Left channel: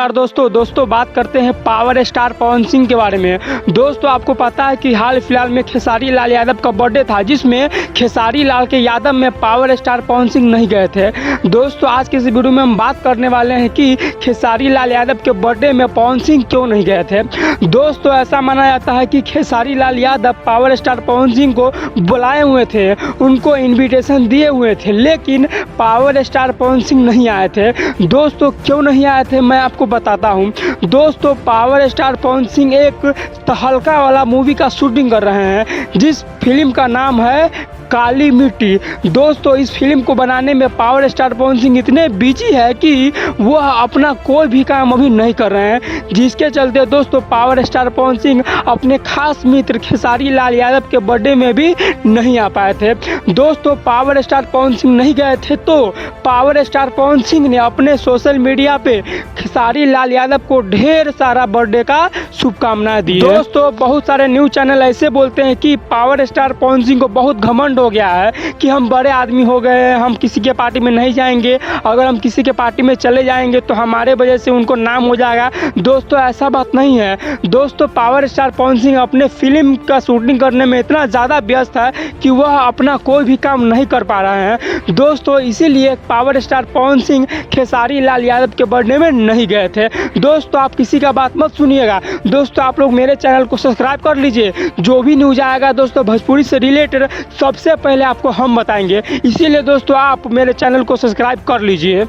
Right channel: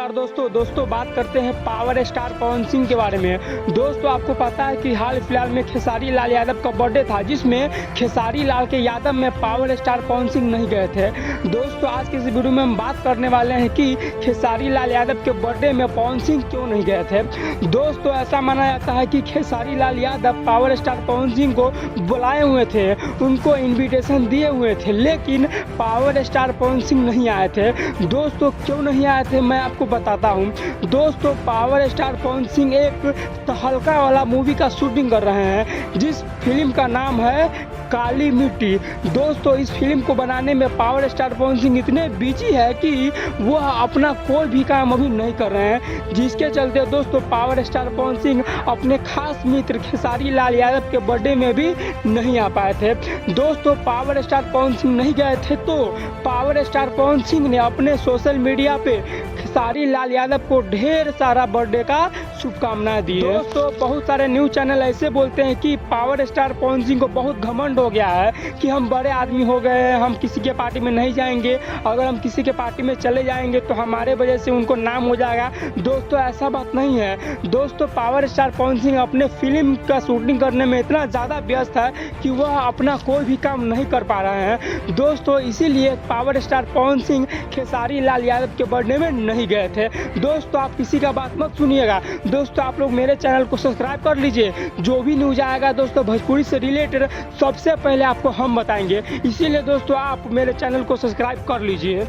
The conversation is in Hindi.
नमस्कार दोस्तों बात करते हैं पावर स्टार पवन सिंह के बारे में। दोस्तों आपको पता है कि हाल फिलहाल में खेसारी लाल यादव का बर्थडे था, जिसमें खेसारी लाल के यादव में पावर स्टार पवन सिंह नहीं गए थे। दोस्तों आज के इस वीडियो में हम बात करने वाले हैं कि खेसारी लाल यादव के बर्थडे में पवन सिंह क्यों नहीं गए थे। दोस्तों ऐसा माना जाता है कि खेसारी लाल यादव पावर स्टार पवन सिंह को बुलाए हुए थे, उनको इन्विटेशन दिए हुए थे, लेकिन पावर स्टार पवन सिंह नहीं आए थे। दोस्तों क्यों नहीं आए थे मैं आपको बताता हूं। दोस्तों पावर स्टार पवन सिंह एक तहलका वाला मूवी का शूटिंग कर रहे हैं, जिस फिल्म का नाम है काली मिट्टी। दोस्तों इस फिल्म को बनाने में पावर स्टार पवन सिंह इतने बिजी है कि वह अपना कोई भी काम अभी नहीं कर रहे हैं, जिसके चलते दोस्तों पावर स्टार पवन सिंह अपने खास मित्र खेसारी लाल यादव के बर्थडे में भी नहीं आ पाए थे। दोस्तों पावर स्टार पवन सिंह नहीं गए थे तो पावर स्टार पवन सिंह ने अपने सोशल मीडिया पे खेसारी लाल यादव को ढेर सारा बर्थडे का शुभकामनाएं दी। दोस्तों बहुत सारे न्यूज चैनल ऐसे बोलते हैं कि पावर स्टार पवन सिंह को बहुत घमंड हो गया है कि हम बड़े आदमी हो गए हैं, हम किसी के पार्टी में नहीं जाएंगे, अगर हम किसी के पार्टी में चले जाएंगे तो हमारे वजह से उनको नाम हो जाएगा। दोस्तों ऐसा बात नहीं है। दोस्तों पावर स्टार पवन सिंह अपने फिल्म का शूटिंग करने में इतना ज़्यादा व्यस्त है कि वह अपना कोई भी काम नहीं कर पा रहे हैं। दोस्तों इसीलिए पावर स्टार पवन सिंह खेसारी लाल यादव के बर्थडे में नहीं गए थे। दोस्तों आप किसी का बात मत सुनिएगा। दोस्तों आप लोग मेरे चैनल को सब्सक्राइब कर लीजिए, जो भी न्यूज आएगा दोस्तों भोजपुरी से रिलेटेड सबसे पहले आपको हम बताएंगे। इसीलिए दोस्तों आप मेरे चैनल को सब्सक्राइब कर लीजिए।